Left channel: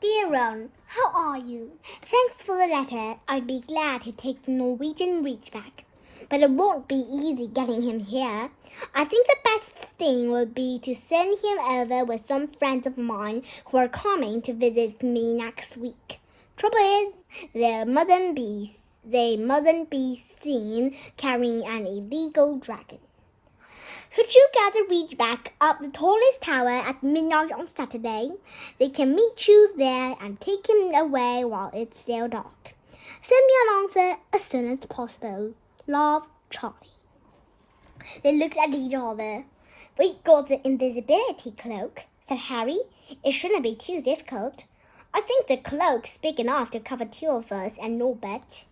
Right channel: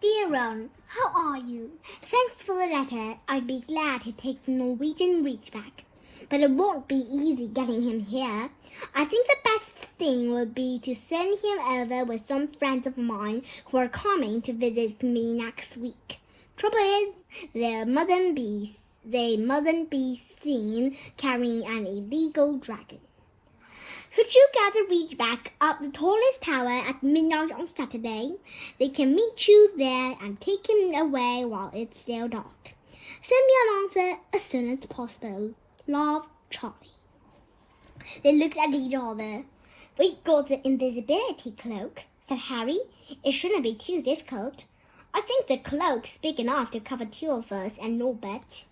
Dear Ron, how are you? Thanks for the letter. I'd be glad to take the Norwegian Ridgeback. But it won't be easy getting him here. I think the best thing would be to send him over with some friends of mine who are coming to visit me next week. Trouble is, they mustn't be seen carrying an illegal dragon. Could you get the Ridgeback up the tallest tower at midnight on Saturday? They can meet you there and take him away while it's still dark. Send me an answer as soon as possible. Love, Charlie. They looked at each other. We got the invisibility cloak, said Harry. It shouldn't be too difficult. I think the cloak's big enough to cover two of us and Norbert.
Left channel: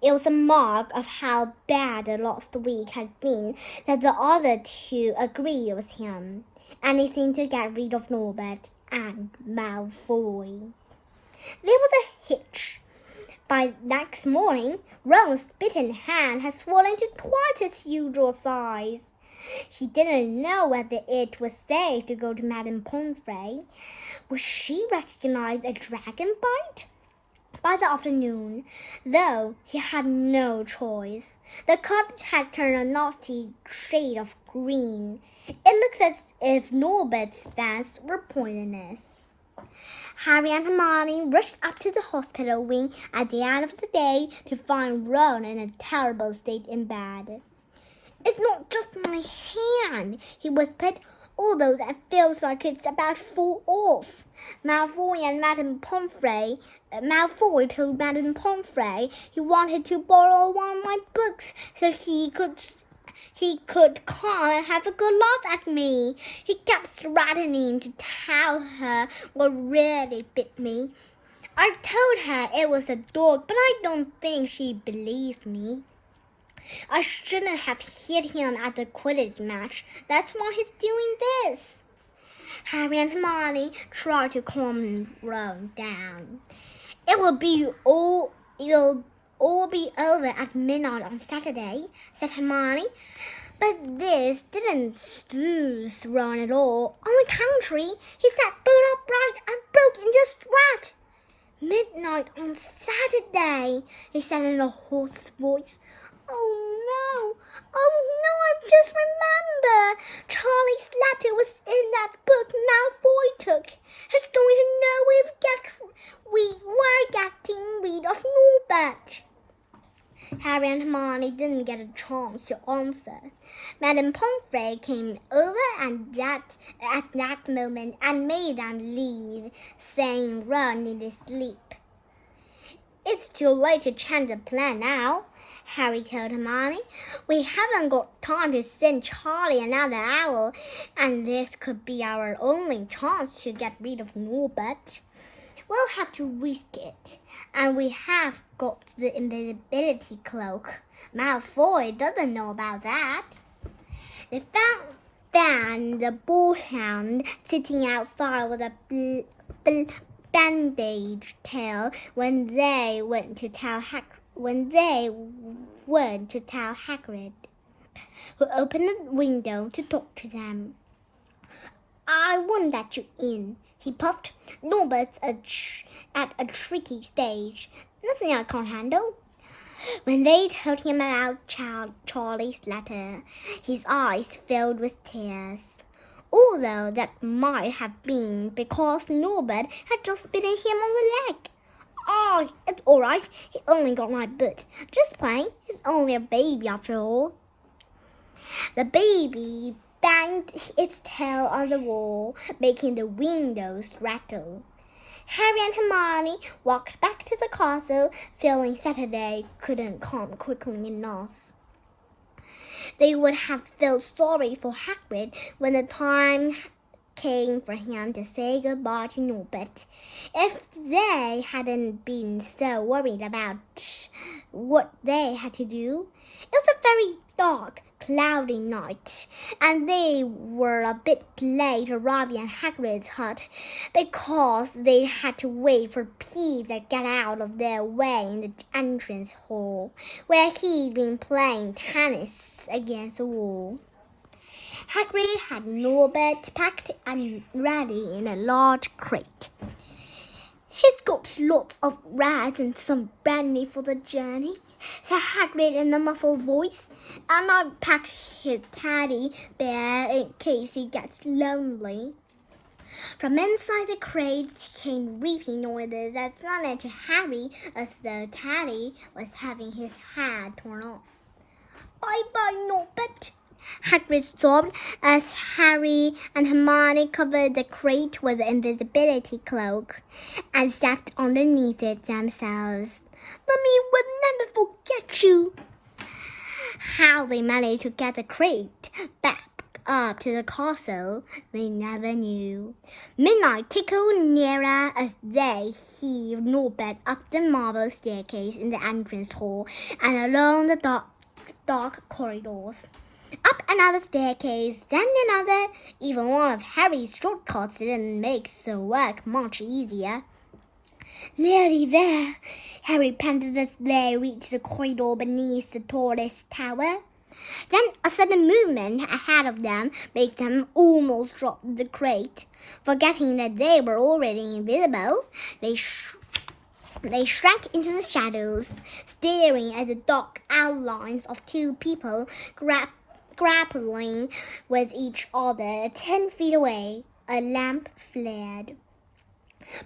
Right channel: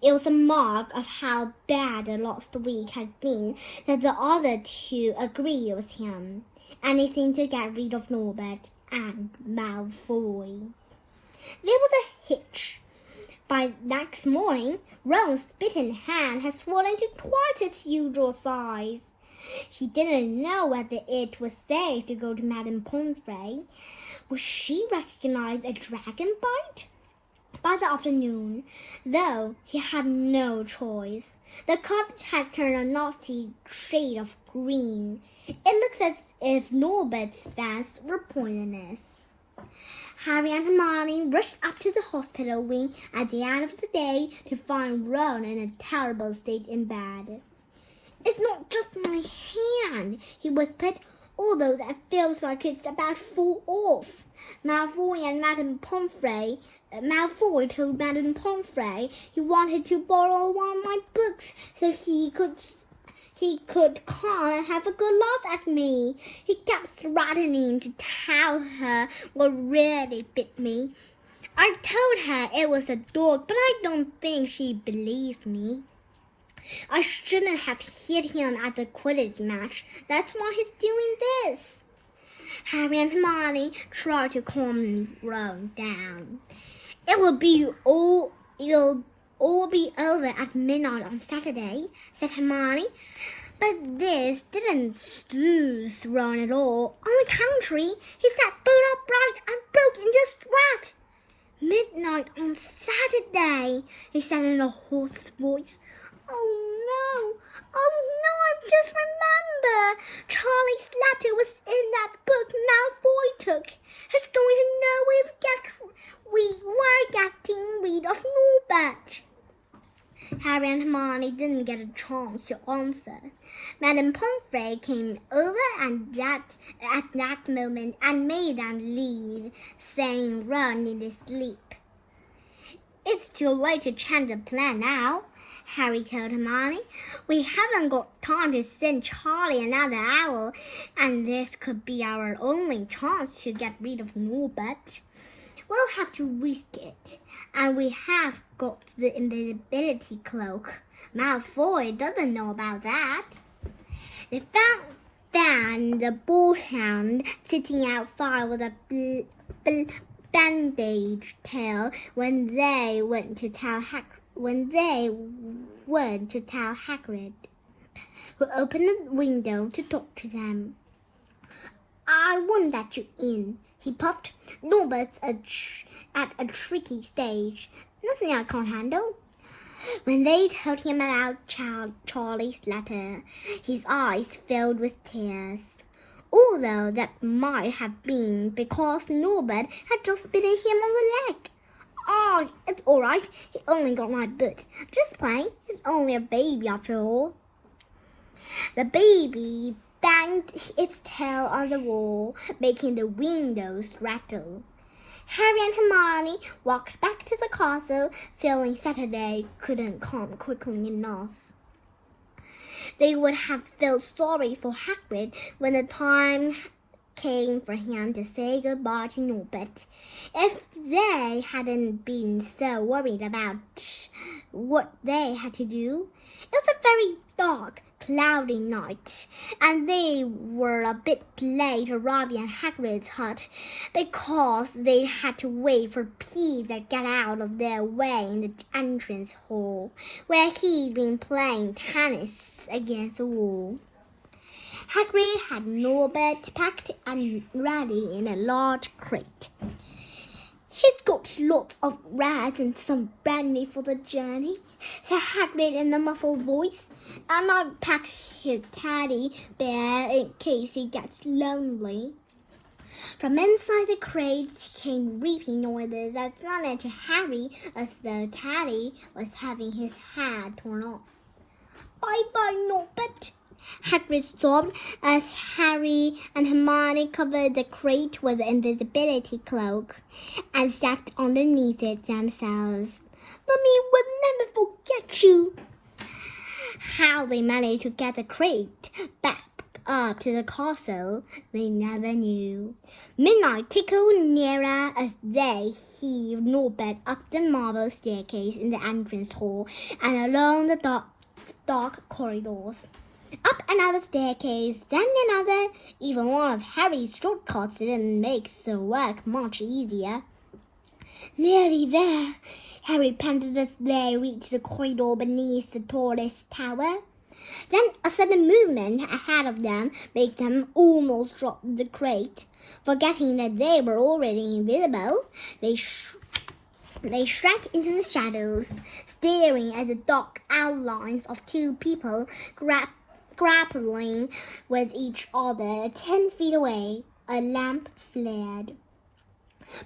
It was a mark of how bad the last week had been that the other two agreed with him. Anything to get rid of Norbert and Malfoy. There was a hitch. By next morning, Ron's bitten hand had swollen to twice its usual size. He didn't know whether it was safe to go to Madame Pomfrey. Would she recognize a dragon bite? By the afternoon, though, he had no choice. The cottage had turned a nasty shade of green. It looked as if Norbert's fangs were poisonous. Harry and Hermione rushed up to the hospital wing at the end of the day to find Ron in a terrible state in bed. It's not just my hand, he whispered, although it feels like it's about to fall off. Malfoy told Madame Pomfrey he wanted to borrow one of my books so he could come and have a good laugh at me. He kept threatening to tell her what really bit me. I told her it was a dog, but I don't think she believed me. I shouldn't have hit him at the Quidditch match. That's why he's doing this. Harry and Hermione tried to calm Ron down. It'll all be over at midnight on Saturday, said Hermione. But this didn't soothe Ron at all. On the contrary, he sat bolt upright and broke into sweat. Midnight on Saturday, he said in a hoarse voice. Oh no, I just remember. Charlie's letter was in that book Malfoy took. He's going to know we were getting rid of Norbert. Harry and Hermione didn't get a chance to answer. Madame Pomfrey came over at that moment and made them leave, saying Ron needed sleep. It's too late to change the plan now, Harry told Hermione. We haven't got time to send Charlie another hour, and this could be our only chance to get rid of Norbert. We'll have to risk it, and we have got the invisibility cloak. Malfoy doesn't know about that. They found the bullhound sitting outside with a bandaged tail when they went to tell Hagrid, who opened the window to talk to them. I won't let you in, he puffed. Norbert's at a tricky stage. Nothing I can't handle. When they told him about Charlie's letter, his eyes filled with tears. Although that might have been because Norbert had just bitten him on the leg. Oh, it's all right. He only got my butt. Just playing. He's only a baby after all. The baby banged its tail on the wall, making the windows rattle. Harry and Hermione walked back to the castle, feeling Saturday couldn't come quickly enough. They would have felt sorry for Hagrid when the time came for him to say goodbye to Norbert, if they hadn't been so worried about what they had to do. It was a very dark, cloudy night, and they were a bit late arriving at Hagrid's hut because they had to wait for Peeves to get out of their way in the entrance hall, where he'd been playing tennis against the wall. Hagrid had Norbert packed and ready in a large crate. He's got lots of rats and some brandy for the journey, said Hagrid in a muffled voice, and I've packed his teddy bear in case he gets lonely. From inside the crate came reaping noises that sounded to Harry as though Teddy was having his head torn off. Bye-bye, Norbert, Hagrid sobbed as Harry and Hermione covered the crate with an invisibility cloak and stepped underneath it themselves. Mummy will never forget you. How they managed to get the crate back up to the castle, they never knew. Midnight tickled nearer as they heaved Norbert up the marble staircase in the entrance hall and along the dark corridors. Up another staircase, then another. Even one of Harry's shortcuts didn't make the work much easier. Nearly there, Harry panted as they reached the corridor beneath the tallest tower. Then a sudden movement ahead of them made them almost drop the crate. Forgetting that they were already invisible, they shrank into the shadows, staring at the dark outlines of two people grappling with each other 10 feet away. A lamp flared.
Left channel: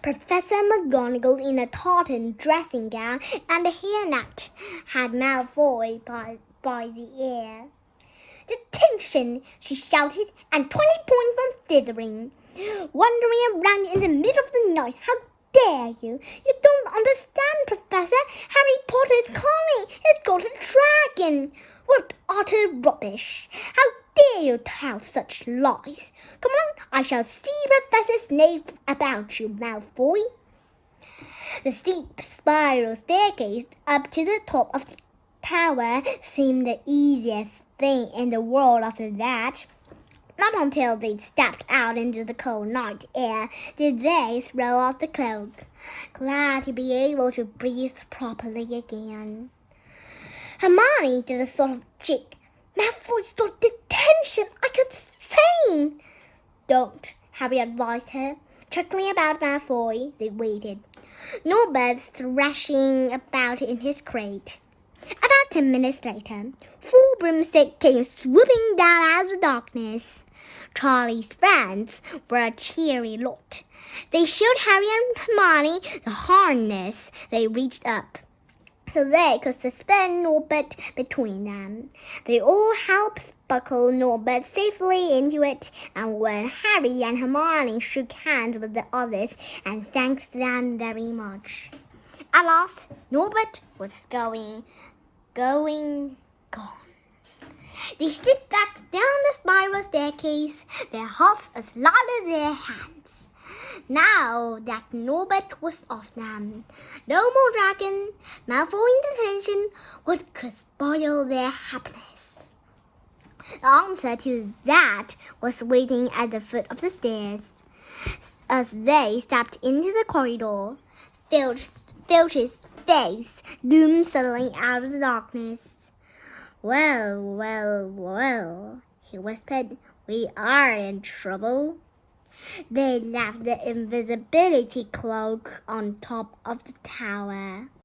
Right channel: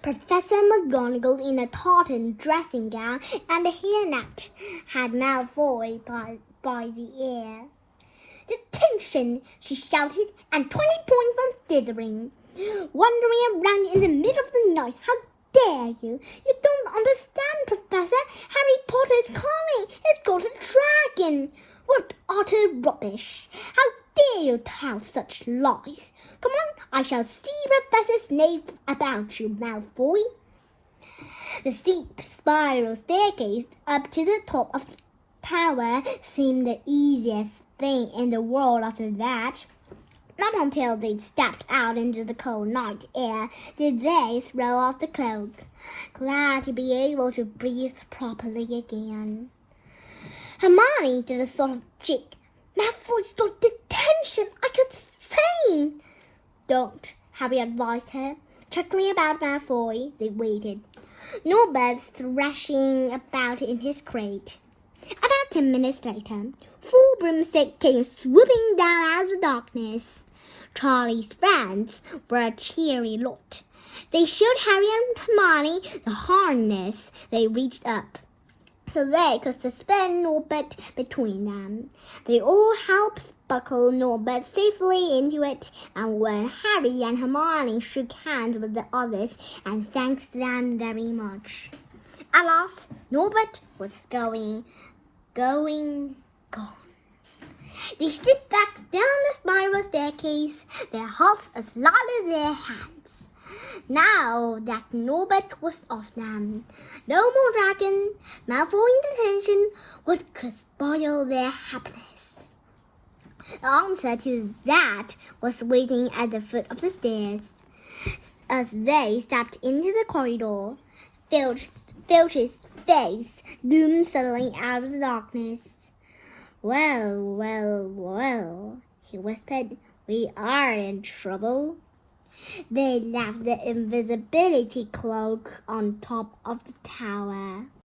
Professor McGonagall in a tartan dressing gown and a hairnet had Malfoy by the ear. "Detention!" she shouted, and 20 points from Slytherin. "Wandering around in the middle of the night, how dare you? You don't understand, Professor. Harry Potter is coming. He's got a dragon." "What utter rubbish! How dare you tell such lies? Come on, I shall see Professor Snape about you, Malfoy." The steep spiral staircase up to the top of the tower seemed the easiest thing in the world after that. Not until they stepped out into the cold night air did they throw off the cloak, glad to be able to breathe properly again. Hermione did a sort of jig. "Malfoy's got detention. I could sing." "Don't," Harry advised her. Chuckling about Malfoy, they waited. Norbert thrashing about in his crate. About 10 minutes later, 4 broomsticks came swooping down out of the darkness. Charlie's friends were a cheery lot. They showed Harry and Hermione the harness they reached up, so they could suspend Norbert between them. They all helped buckle Norbert safely into it, and when Harry and Hermione shook hands with the others and thanked them very much. At last, Norbert was gone. They slipped back down the spiral staircase, their hearts as light as their hands. Now that Norbert was off them, no more dragon, Malfoy in detention, what could spoil their happiness? The answer to that was waiting at the foot of the stairs. As they stepped into the corridor, Filch's face loomed suddenly out of the darkness. Well, well, well, he whispered. "We are in trouble." They left the invisibility cloak on top of the tower.